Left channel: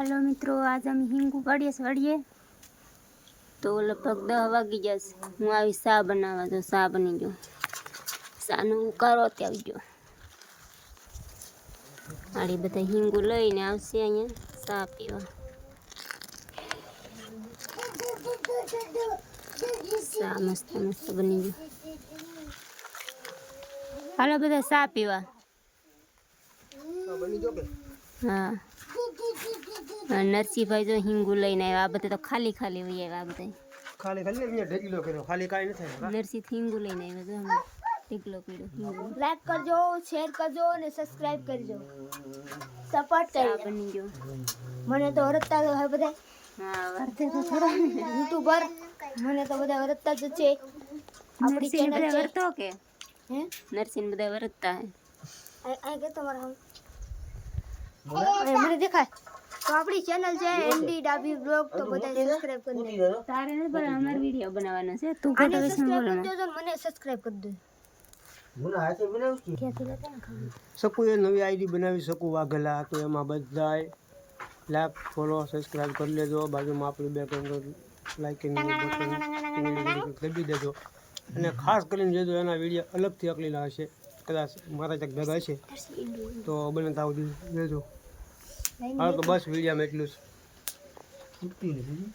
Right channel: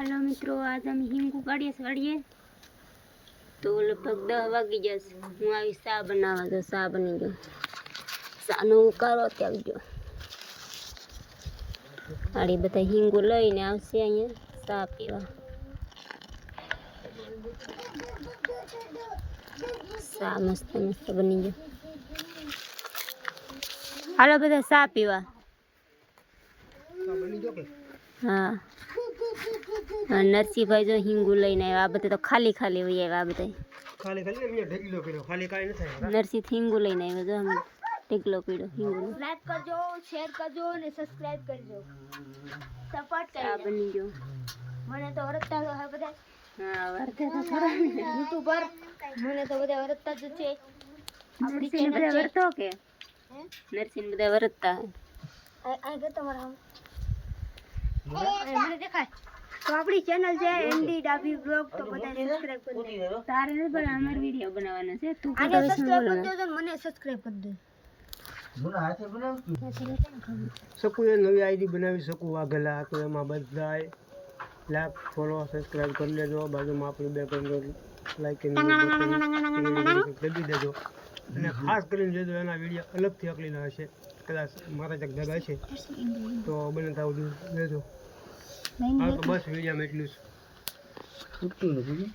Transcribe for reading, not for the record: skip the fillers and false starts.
Hello मित्रों, आज हम हींग उगाड़िए सड़िए तो लगभग 10 वागी जैसे हूँ आई सा बनावा तो सा बनी गयो। सानो उकारो त्याग गयो। आड़ी बता हींगू लईने आवशे अहींया सा पीवा। सा मस्त मस्त बनी गयो। हालो बधा सा पीवा। हाँ नरसी भाई जो हींगू लईने आव्या। आ बधे तो खाली खाली वही आव्या। आ बधे खाली खाली ने ढेकलो कर्यो खाली काई न थाय। नरसी हींगू लईने आव्या जो हम ढेकलो कर्यो हींगू। लाइक करजो, शेयर करजो ने सब्सक्राइब करजो। सपोर्ट करजो। सा बनी गयो। मने तो वरता है बधे। हाँ वरते तो खरा यूट्यूबर मने तो बधे वरता ज छे। नरसी ने बधे वरतो के हैं नरसी ने बधे वरता है। आ गयो તમારા હું મને દેખાય તો આપણી ચેનલ છે એનડી ડાબી બ્લોગ તો બધા સબસ્ક્રાઇબ કરી દેજો તારે ને પણ અમાર વિડિયો બનાવવાનો છે તું આને ફોટો વિશે સબસ્ક્રાઇબ બોલો કરી દેજો ને મને સબસ્ક્રાઇબ કરી દેજો મને હાથે બનાવ્યું છું કે છે કેમ ખબર શકું એ નવી આઈડી બનાવી શકું વાઘેલા તો એમાં બધાય લાઈક ફોલો સબસ્ક્રાઇબ કરી લેજો બાજુમાં આપણે બે કરી લાઈક અને દબી દેજો અને ખાસ કરીને જોજો એના વિડિયો અલગથી અકલીલા હશે કદાચ મારા તક ભેગા હશે તો બને તાવ દેજો હા તો બસ વિડિયોમાં એટલું જ છૂટતું નથી